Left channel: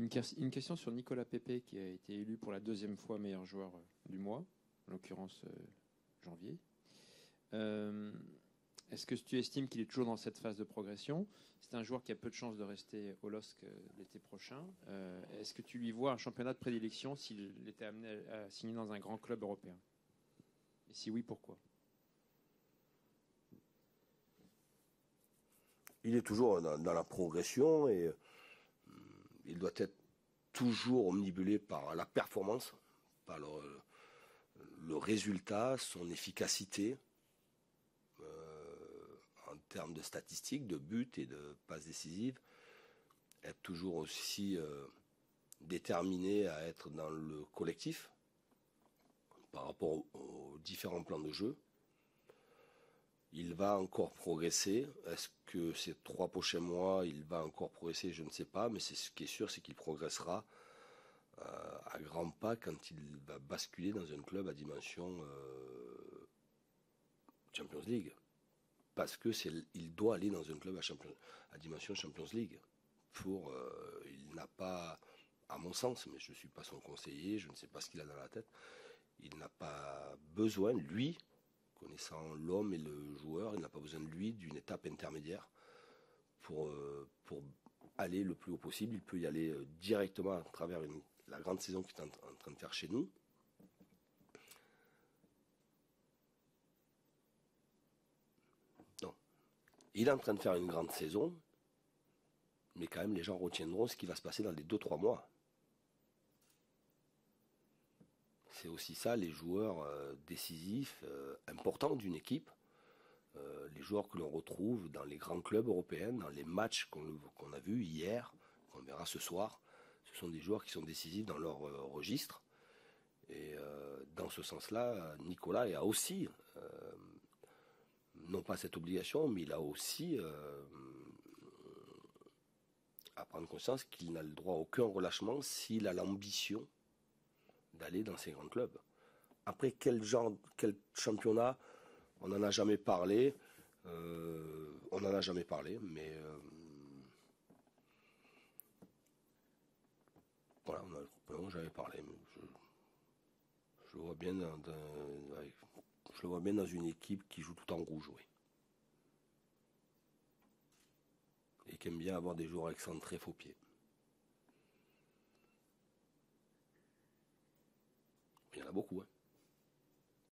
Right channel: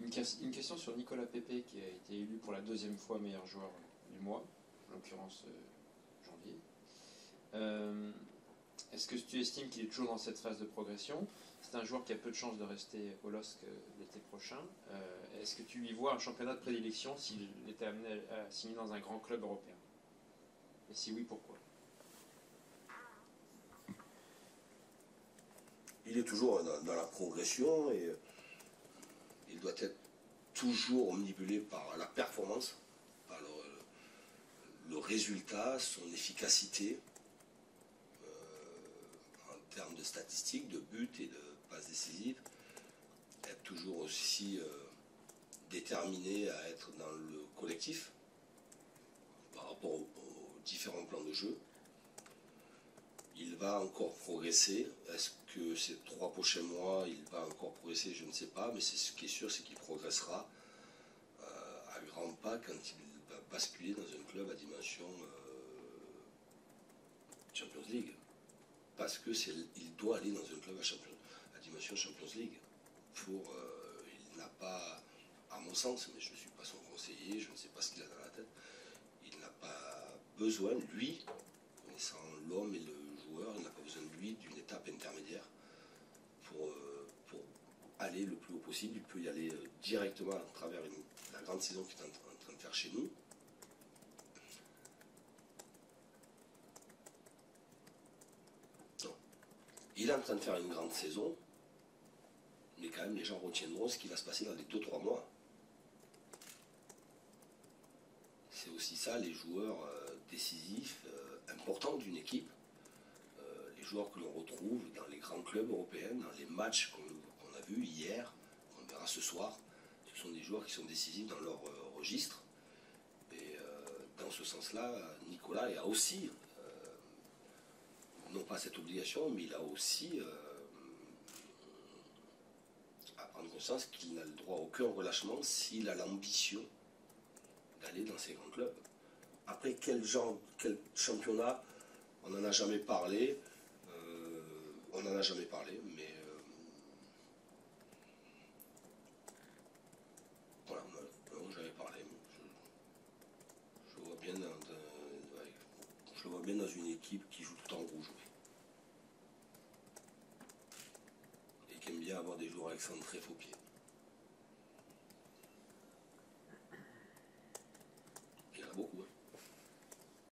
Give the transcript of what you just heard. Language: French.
Une question sur Nicolas Pepe qui a été élu pour la deuxième fois meilleur joueur du mois, en l'occurrence janvier. Est-ce que tu estimes qu'il est toujours dans cette phase de progression? C'est un joueur qui a peu de chances de rester au LOSC l'été prochain. Est-ce que tu lui vois un championnat de prédilection s'il était amené à signer dans un grand club européen? Et si oui, pourquoi? Il est toujours dans la progression et il doit être toujours omnibulé par la performance, par le résultat, son efficacité en termes de statistiques, de buts et de passes décisives. Être toujours aussi déterminé à être dans le collectif par rapport aux différents plans de jeu. Il va encore progresser. Est-ce que ces 3 prochains mois, il va encore progresser? Je ne sais pas, mais ce qui est sûr, c'est qu'il progressera à grands pas quand il va basculer dans un club à dimension Champions League. Parce que il doit aller dans un club à dimension Champions League. Il n'a pas, à mon sens, mais je ne suis pas son conseiller, je ne sais pas ce qu'il a dans la tête, il n'a pas besoin, lui, connaissant l'homme et le joueur, il n'a pas besoin de lui d'une étape intermédiaire pour aller le plus haut possible. Il peut y aller directement à travers la grande saison qu'il est en train de faire chez nous. Non. Il est en train de faire une grande saison, mais quand même les gens retiendront ce qui va se passer dans les 2-3 mois. C'est aussi ça, les joueurs décisifs, importants d'une équipe, les joueurs que l'on retrouve dans les grands clubs européens, dans les matchs qu'on a vus hier, qu'on verra ce soir. Ce sont des joueurs qui sont décisifs dans leur registre. Et dans ce sens-là, Nicolas a aussi, non pas cette obligation, mais il a aussi à prendre conscience qu'il n'a le droit à aucun relâchement s'il a l'ambition d'aller dans ces grands clubs. Après, quel championnat, on n'en a jamais parlé. On n'en a jamais parlé, mais voilà, on n'en a jamais parlé. Je le vois bien je le vois bien dans une équipe qui joue tout en rouge, oui. Et qui aime bien avoir des joueurs excentrés faux pieds. Il y en a beaucoup, hein.